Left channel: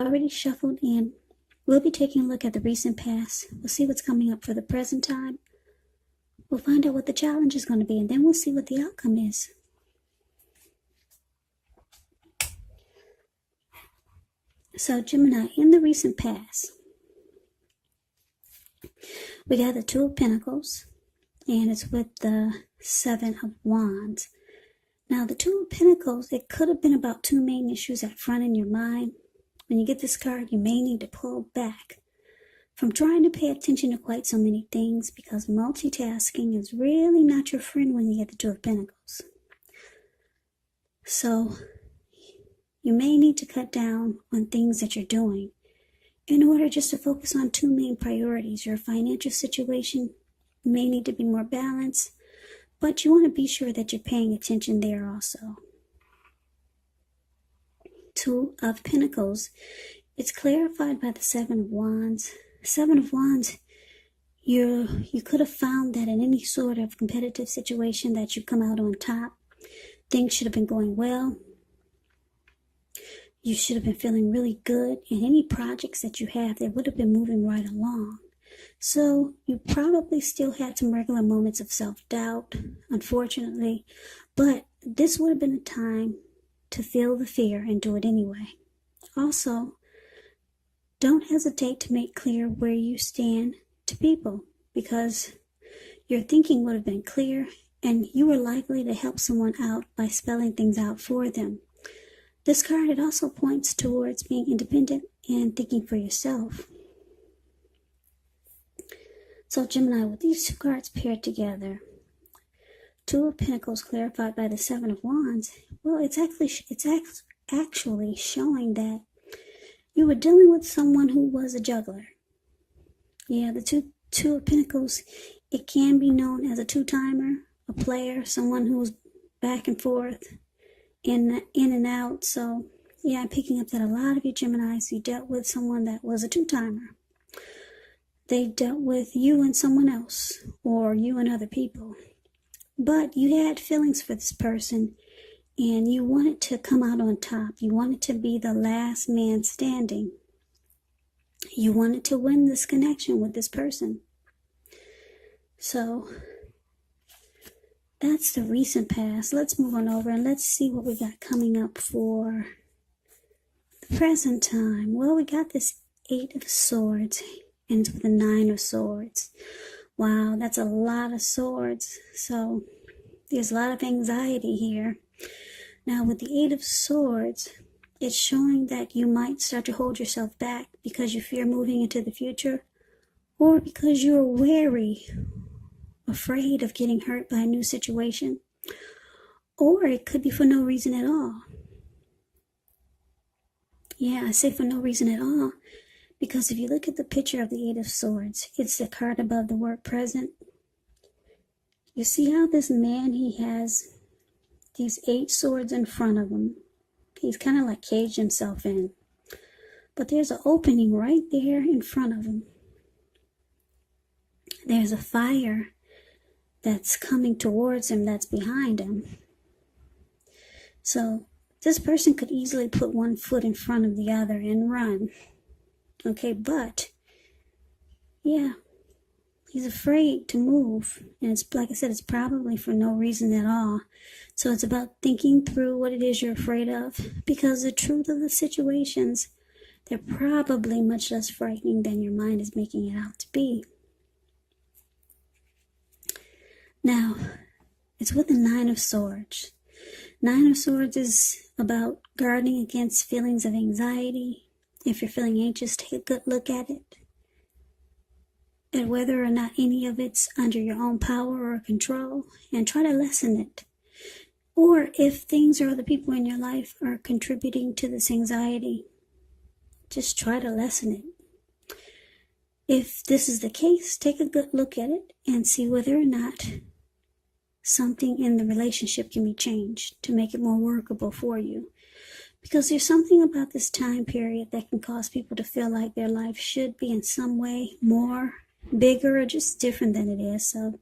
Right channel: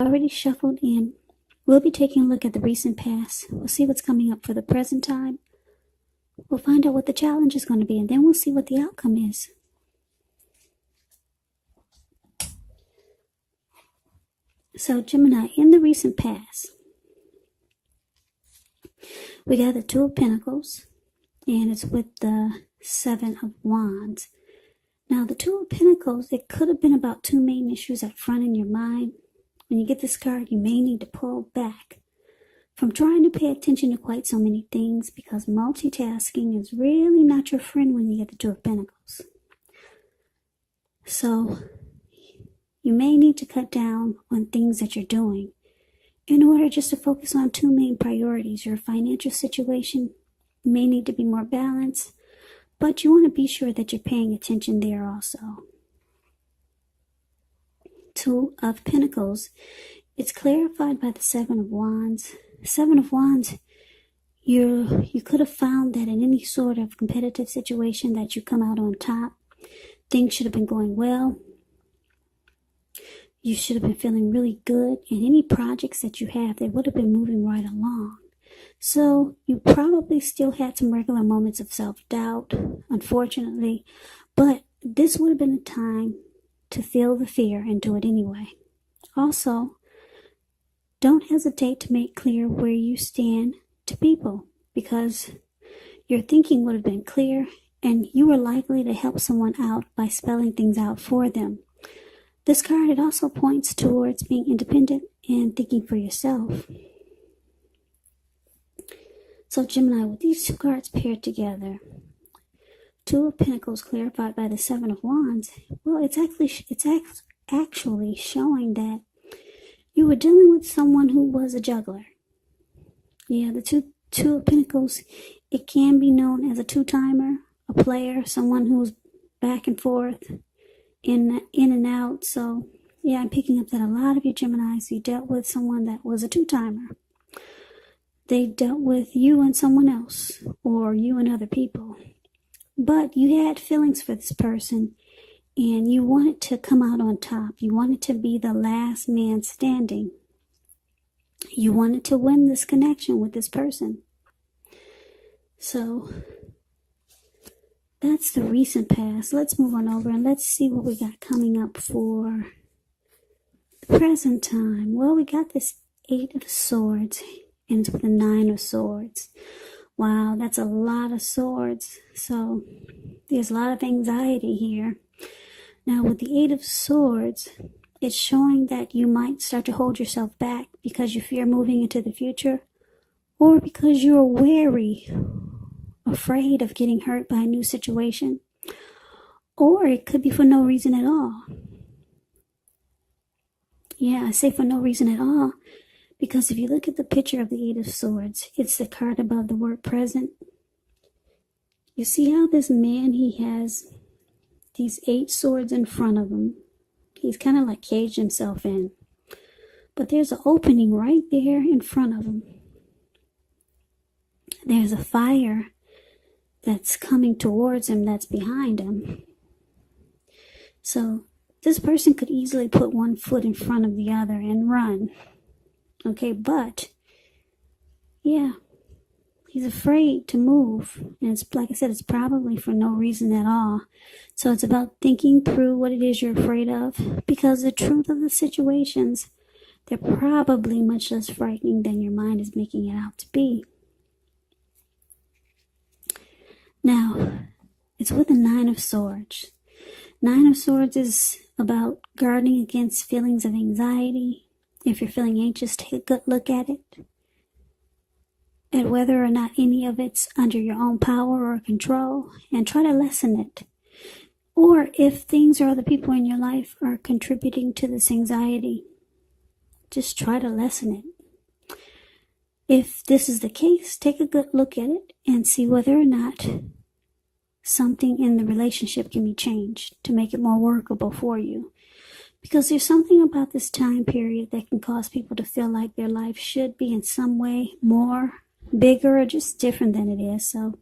Already shuffled in. We'll be taking a look at the recent past. We'll see what's coming up for the present time. We'll find out what the challenge is going to be, and then we'll see what the outcome is. So, Gemini, in the recent past, we got the Two of Pentacles, and it's with the Seven of Wands. Now, the Two of Pentacles, it could have been about two main issues up front in your mind. When you get this card, you may need to pull back from trying to pay attention to quite so many things, because multitasking is really not your friend when you get the Two of Pentacles. So, you may need to cut down on things that you're doing in order just to focus on two main priorities. Your financial situation may need to be more balanced, but you want to be sure that you're paying attention there also. Two of Pentacles, it's clarified by the Seven of Wands. Seven of Wands, you could have found that in any sort of competitive situation that you come out on top. Things should have been going well. You should have been feeling really good. And any projects that you have, they would have been moving right along. So you probably still had some regular moments of self-doubt, unfortunately. But this would have been a time to feel the fear and do it anyway. Also, don't hesitate to make clear where you stand to people, because your thinking would have been clear and you were likely to help someone out by spelling things out for them. This card, it also points towards being independent and thinking for yourself. So Gemini, with these two cards paired together, Two of Pentacles clarified by the Seven of Wands, well, it's actually showing that you were dealing with someone who was a juggler. Yeah, the two of Pentacles, it can be known as a two-timer, a player, someone who's back and forth, in and out. So, yeah, I'm picking up that a lot of you Geminis, you dealt with someone that was a two-timer. They dealt with you and someone else, or you and other people. But you had feelings for this person, and you wanted to come out on top. You wanted to be the last man standing. You wanted to win this connection with this person. So, that's the recent past. Let's move on over and let's see what we got coming up for the present time. Well, we got this Eight of Swords ends with the Nine of Swords. Wow, that's a lot of swords. So there's a lot of anxiety here. Now with the Eight of Swords, it's showing that you might start to hold yourself back because you fear moving into the future, or because you're wary, afraid of getting hurt by a new situation, or it could be for no reason at all. Yeah, I say for no reason at all, because if you look at the picture of the Eight of Swords, it's the card above the word present. You see how this man, he has these 8 swords in front of him. He's kind of like caged himself in. But there's an opening right there in front of him. There's a fire that's coming towards him that's behind him. So this person could easily put one foot in front of the other and run. Okay, but yeah, he's afraid to move. And it's like I said, it's probably for no reason at all. So it's about thinking through what it is you're afraid of, because the truth of the situations, they're probably much less frightening than your mind is making it out to be. Now, it's with the Nine of Swords. Nine of Swords is about guarding against feelings of anxiety. If you're feeling anxious, take a good look at it, at whether or not any of it's under your own power or control, and try to lessen it. Or if things or other people in your life are contributing to this anxiety, just try to lessen it. If this is the case, take a good look at it and see whether or not something in the relationship can be changed to make it more workable for you. Because there's something about this time period that can cause people to feel like their life should be in some way more, bigger, or just different than it is. So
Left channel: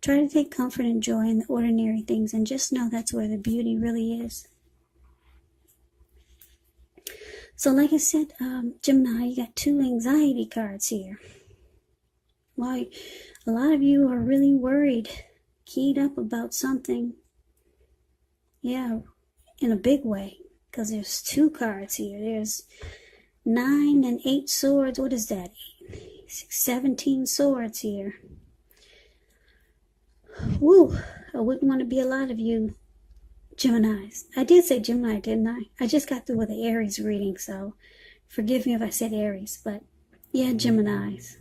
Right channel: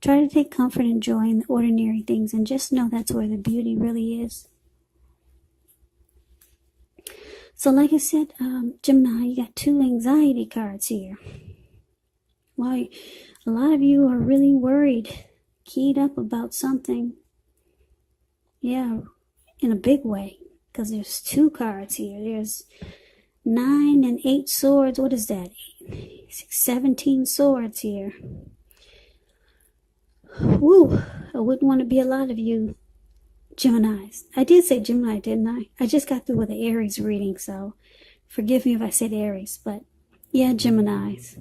try to take comfort and joy in the ordinary things, and just know that's where the beauty really is. So like I said, Gemini, you got 2 anxiety cards here. Why, a lot of you are really worried, keyed up about something. Yeah, in a big way. Because there's 2 cards here. There's 9 and 8 swords. What is that? 17 swords here. Woo! I wouldn't want to be a lot of you Geminis. I did say Gemini, didn't I? I just got through with the Aries reading, so forgive me if I said Aries, but yeah, Geminis.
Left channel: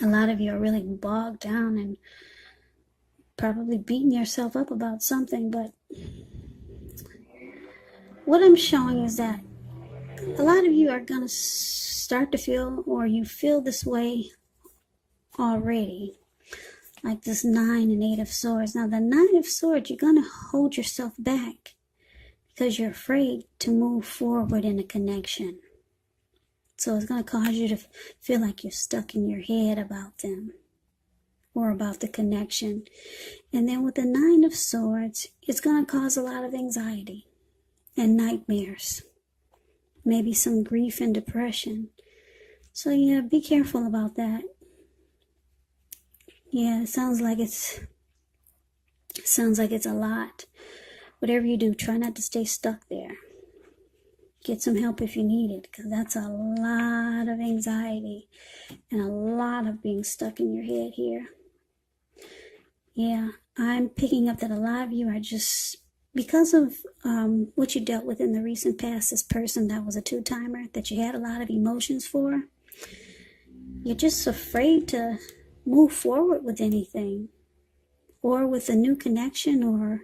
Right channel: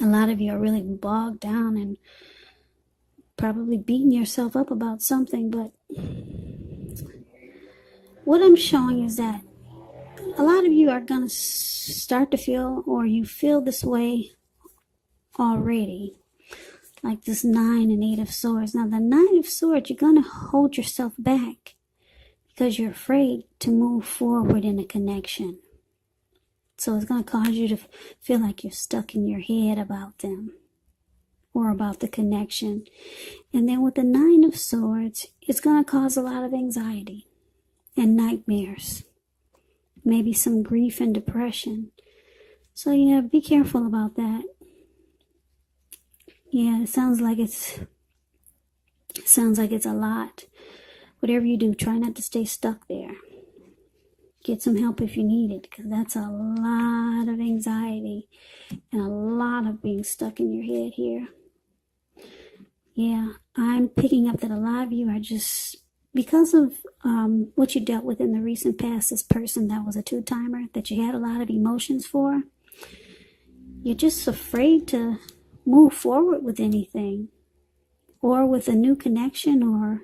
A lot of you are really bogged down and probably beating yourself up about something, but what I'm showing is that a lot of you are going to start to feel, or you feel this way already. Like this 9 and 8 of swords. Now the 9 of swords, you're going to hold yourself back because you're afraid to move forward in a connection. So it's going to cause you to feel like you're stuck in your head about them or about the connection. And then with the 9 of swords, it's going to cause a lot of anxiety and nightmares. Maybe some grief and depression. So yeah, be careful about that. Yeah, it sounds like it's a lot. Whatever you do, try not to stay stuck there. Get some help if you need it, because that's a lot of anxiety and a lot of being stuck in your head here. Yeah, I'm picking up that a lot of you are just, because of what you dealt with in the recent past, this person that was a 2-timer that you had a lot of emotions for, you're just afraid to move forward with anything, or with a new connection, or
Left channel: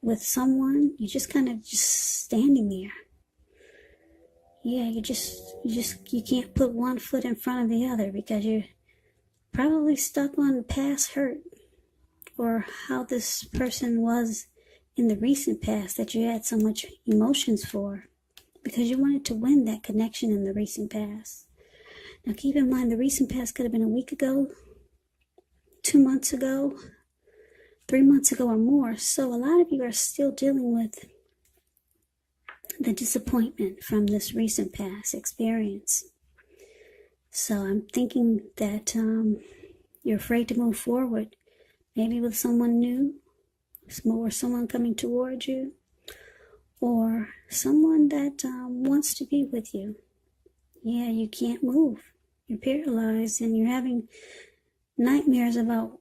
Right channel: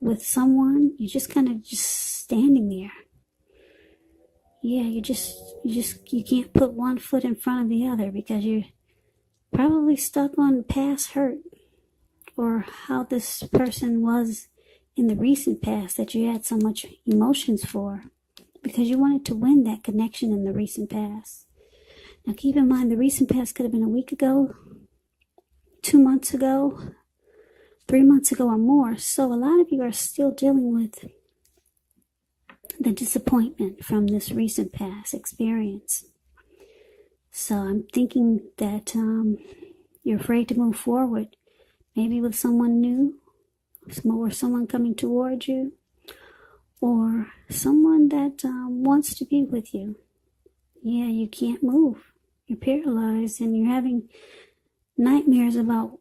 with someone. You're just kind of just standing there. Yeah, you can't put one foot in front of the other because you're probably stuck on past hurt, or how this person was in the recent past that you had so much emotions for, because you wanted to win that connection in the recent past. Now keep in mind, the recent past could have been a week ago, 2 months ago, 3 months ago, or more. So a lot of you are still dealing with the disappointment from this recent past experience. So I'm thinking that you're afraid to move forward, maybe with someone new, or someone coming towards you, or someone that wants to be with you. Yeah, you can't move. You're paralyzed and you're having nightmares about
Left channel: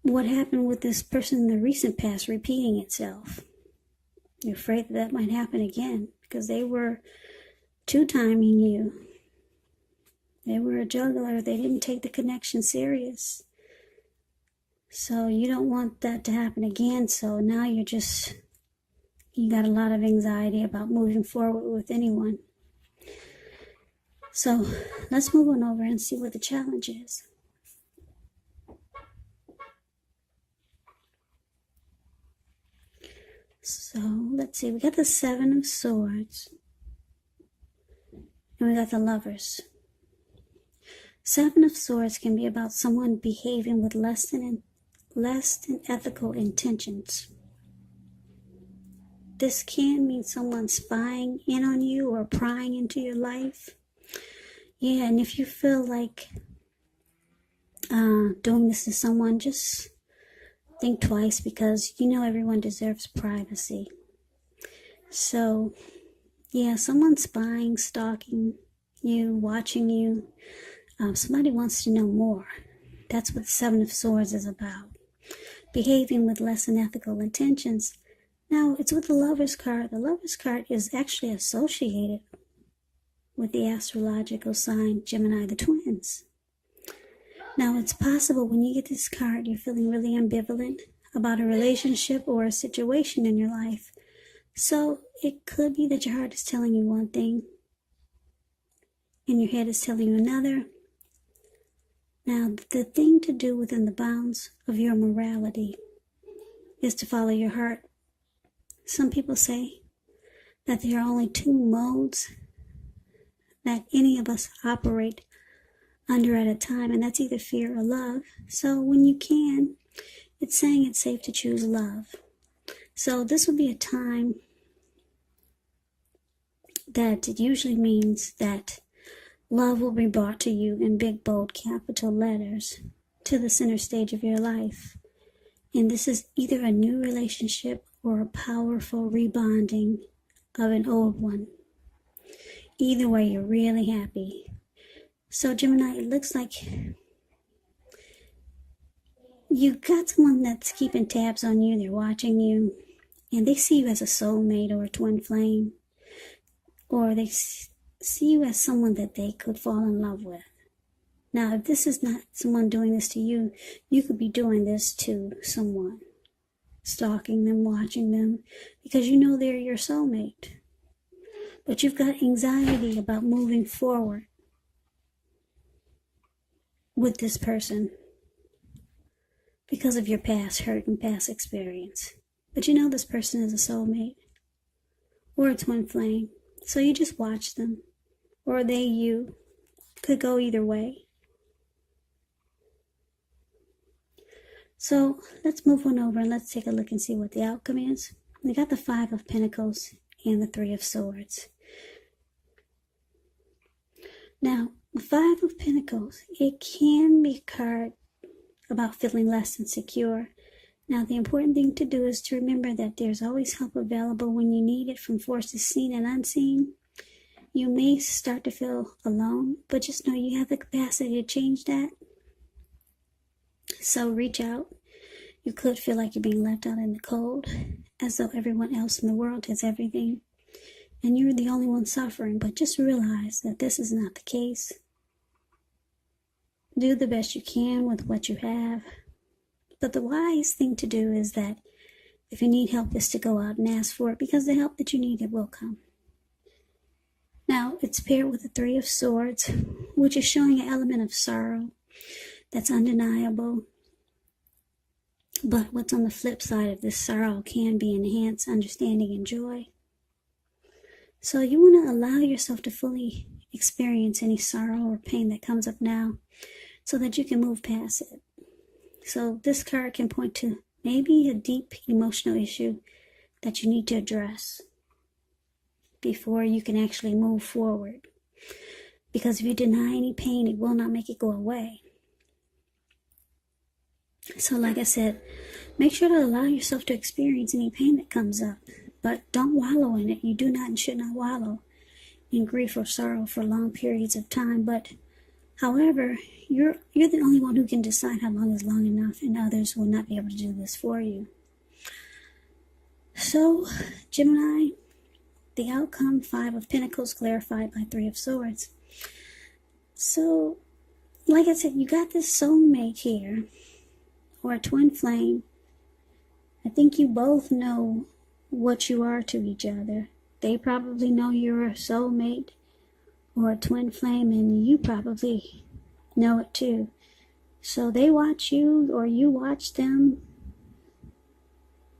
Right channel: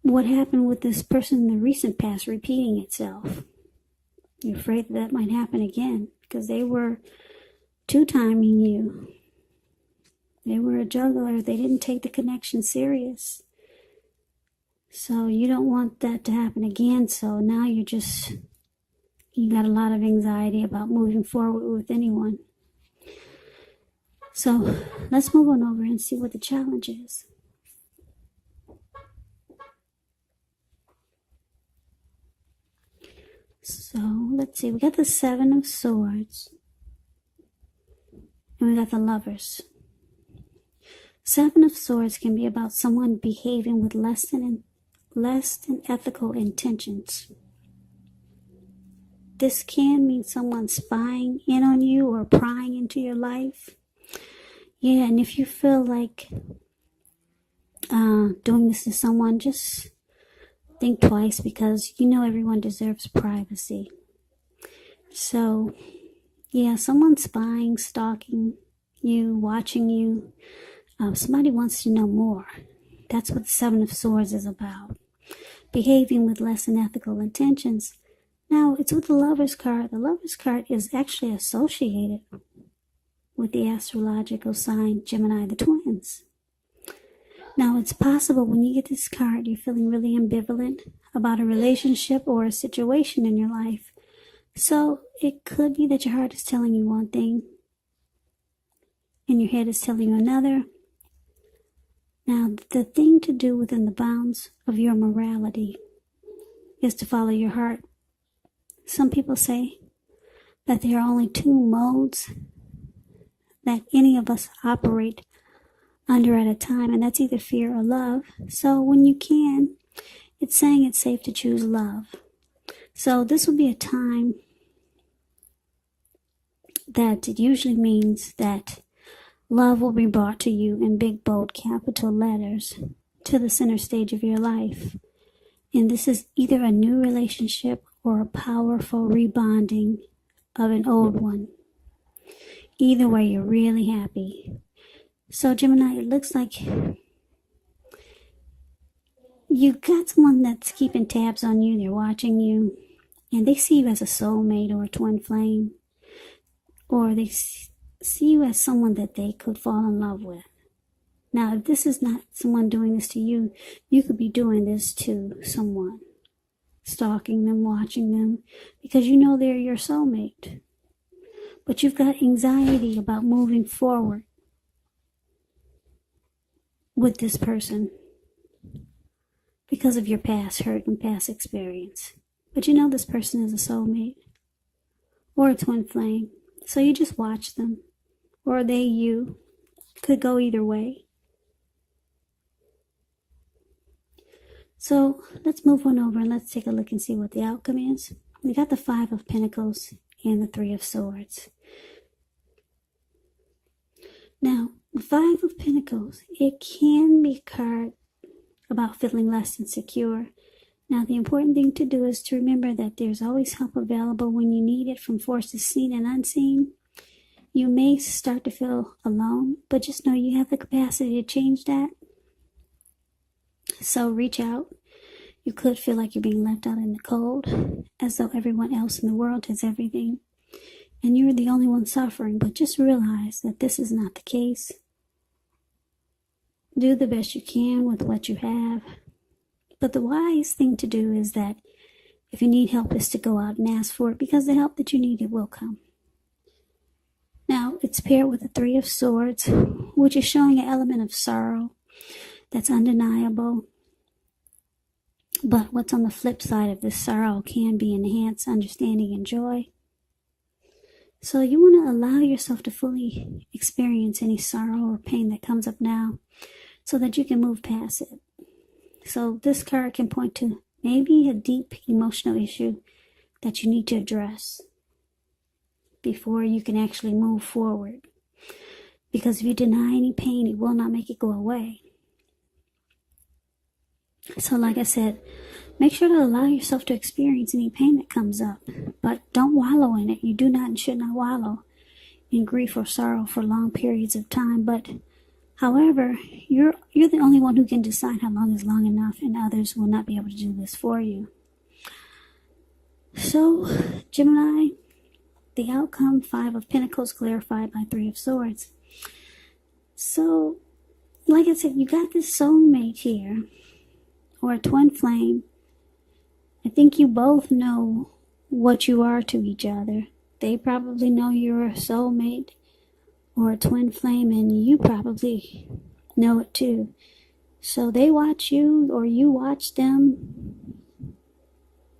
what happened with this person in the recent past repeating itself. You're afraid that might happen again because they were 2-timing you. They were a juggler. They didn't take the connection serious. So you don't want that to happen again. So now you got a lot of anxiety about moving forward with anyone. So let's move on over and see what the challenge is. So let's see, we got the 7 of Swords, and we got the Lovers. 7 of Swords can be about someone behaving with less than ethical intentions. This can mean someone spying in on you or prying into your life. Yeah, and if you feel like doing this to someone, just think twice, because everyone deserves privacy. So, yeah, someone spying, stalking you, watching you. Somebody wants to know more. That's what the 7 of Swords is about. Behaving with less than ethical intentions. Now, it's with the Lover's card. The Lover's card is actually associated with the astrological sign Gemini, the twins. Now, it's possible when you get this card, you're feeling really ambivalent about a relationship or a situation in your life. So it could be that your heart is telling you one thing and your head is telling you another. Now, the thing to do within the bounds of your morality is to follow your heart. Some people say that there are only 2 modes that any of us operate under at a time, and that's either fear or love. So when you can, it's saying it's safe to choose love. So this will be a time that it usually means that love will be brought to you in big, bold, capital letters to the center stage of your life. And this is either a new relationship or a powerful rebonding of an old one. Either way, you're really happy. So Gemini, it looks like you got someone that's keeping tabs on you. They're watching you, and they see you as a soulmate or a twin flame, or they see you as someone that they could fall in love with. Now, if this is not someone doing this to you, you could be doing this to someone, stalking them, watching them, because you know they're your soulmate. But you've got anxiety about moving forward with this person because of your past hurt and past experience. But you know this person is a soulmate or a twin flame. So you just watch them, or they you. Could go either way. So let's move on over and let's take a look and see what the outcome is. We got the 5 of Pentacles and the 3 of Swords. Now, the 5 of Pentacles, it can be a card about feeling less than secure. Now, the important thing to do is to remember that there's always help available when you need it from forces seen and unseen. You may start to feel alone, but just know you have the capacity to change that. So reach out. You could feel like you're being left out in the cold, as though everyone else in the world has everything, and you're the only one suffering. But just realize that this is not the case. Do the best you can with what you have. But the wise thing to do is that if you need help, is to go out and ask for it, because the help that you need, it will come. Now, it's paired with the 3 of Swords, which is showing an element of sorrow that's undeniable. But what's on the flip side of this sorrow can be enhanced understanding and joy. So you want to allow yourself to fully experience any sorrow or pain that comes up now so that you can move past it. So this card can point to maybe a deep emotional issue that you need to address before you can actually move forward. Because if you deny any pain, it will not make it go away. So like I said, make sure to allow yourself to experience any pain that comes up, but don't wallow in it. You do not and should not wallow in grief or sorrow for long periods of time. But however, you're the only one who can decide how long is long enough, and others will not be able to do this for you. So, Gemini, the outcome, 5 of Pentacles clarified by 3 of Swords. So, like I said, you got this soulmate here, or a twin flame. I think you both know what you are to each other. They probably know you're a soulmate or a twin flame, and you probably know it too. So they watch you, or you watch them.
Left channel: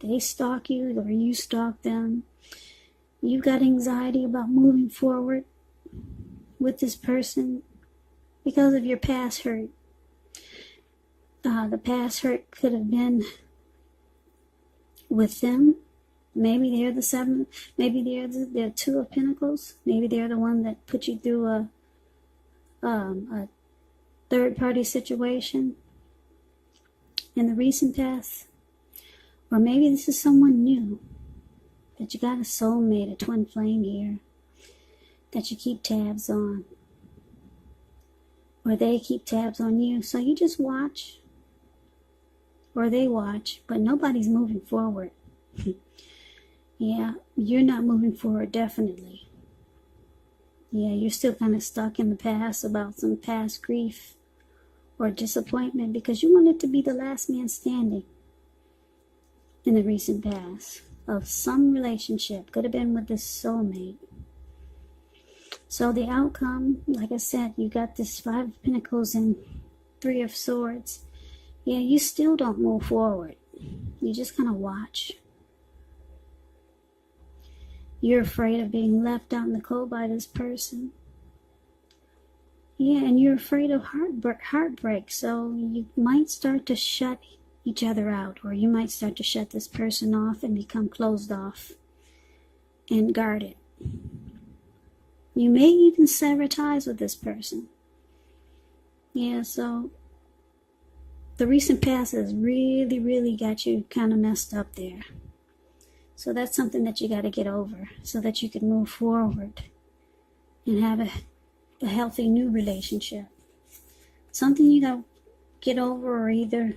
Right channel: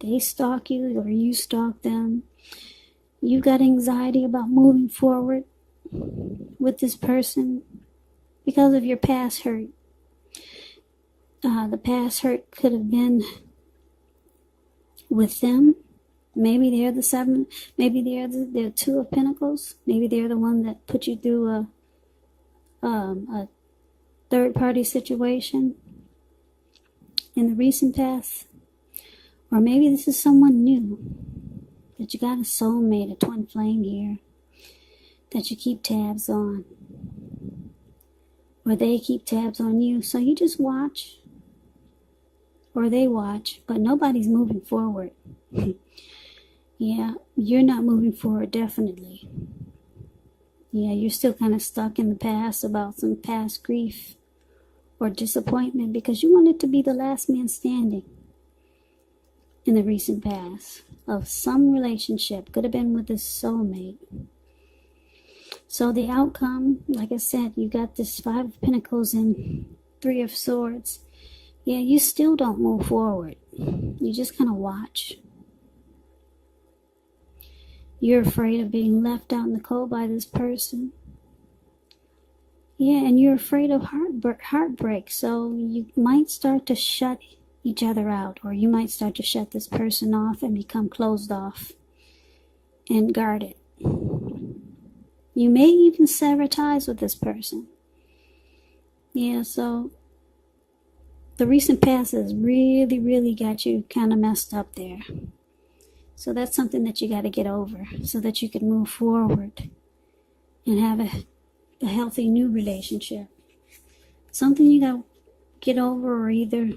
They stalk you, or you stalk them. You got anxiety about moving forward with this person because of your past hurt. The past hurt could have been with them. Maybe they're the 7. Maybe they're the 2 of Pentacles. Maybe they're the one that put you through a third-party situation in the recent past. Or maybe this is someone new. That you got a soulmate, a twin flame here, that you keep tabs on. Or they keep tabs on you. So you just watch. Or they watch, but nobody's moving forward. Yeah, you're not moving forward, definitely. Yeah, you're still kind of stuck in the past about some past grief or disappointment because you wanted to be the last man standing in the recent past of some relationship. Could have been with this soulmate. So the outcome, like I said, you got this 5 of Pentacles and 3 of Swords. Yeah, you still don't move forward. You just kind of watch. You're afraid of being left out in the cold by this person. Yeah, and you're afraid of heartbreak. So you might start to shut each other out. Or you might start to shut this person off and become closed off and guarded. You may even sever ties with this person. Yeah, so the recent past has really, really got you kind of messed up there. So that's something that you got to get over so that you can move forward and have a healthy new relationship. Something you got to get over or either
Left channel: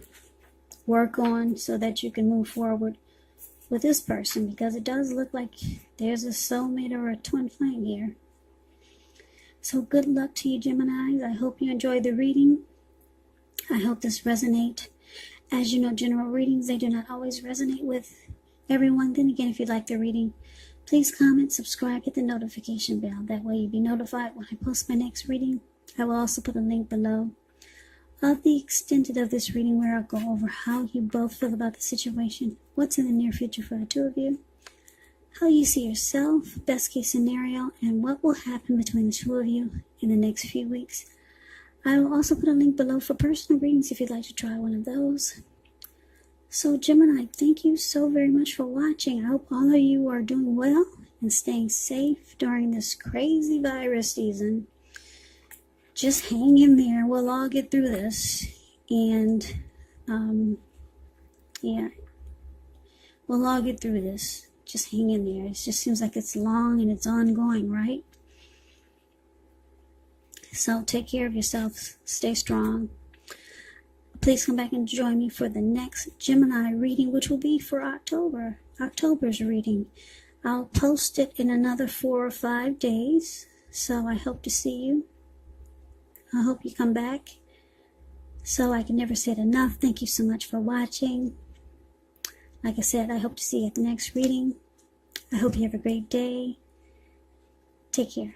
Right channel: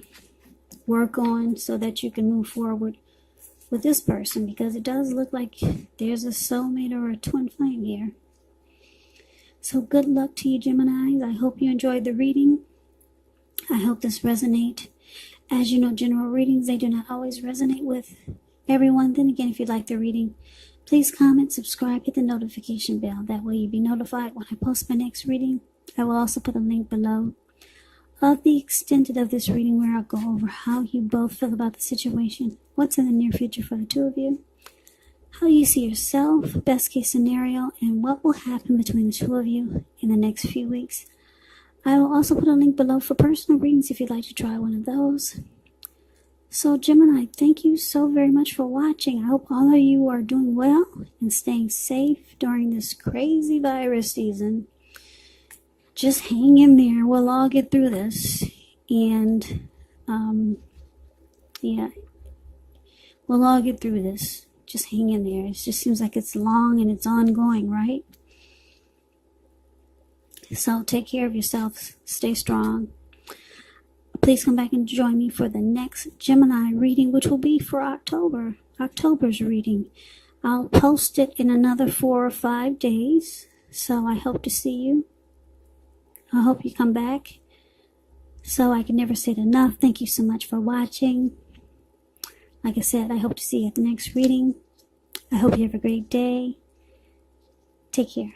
work on so that you can move forward with this person, because it does look like there's a soulmate or a twin flame here. So good luck to you, Geminis. I hope you enjoyed the reading. I hope this resonates. As you know, general readings, they do not always resonate with everyone. Then again, if you like the reading, please comment, subscribe, hit the notification bell. That way you'll be notified when I post my next reading. I will also put a link below of the extended of this reading where I'll go over how you both feel about the situation, what's in the near future for the two of you, how you see yourself, best case scenario, and what will happen between the two of you in the next few weeks. I will also put a link below for personal readings if you'd like to try one of those. So Gemini, thank you so very much for watching. I hope all of you are doing well and staying safe during this crazy virus season. Just hang in there. We'll all get through this. And, yeah, we'll all get through this. Just hang in there. It just seems like it's long and it's ongoing, right? So take care of yourself. Stay strong. Please come back and join me for the next Gemini reading, which will be for October's reading. I'll post it in another 4 or 5 days. So I hope to see you. I hope you come back. So I can never say it enough. Thank you so much for watching. Like I said, I hope to see you at the next reading. I hope you have a great day. Take care.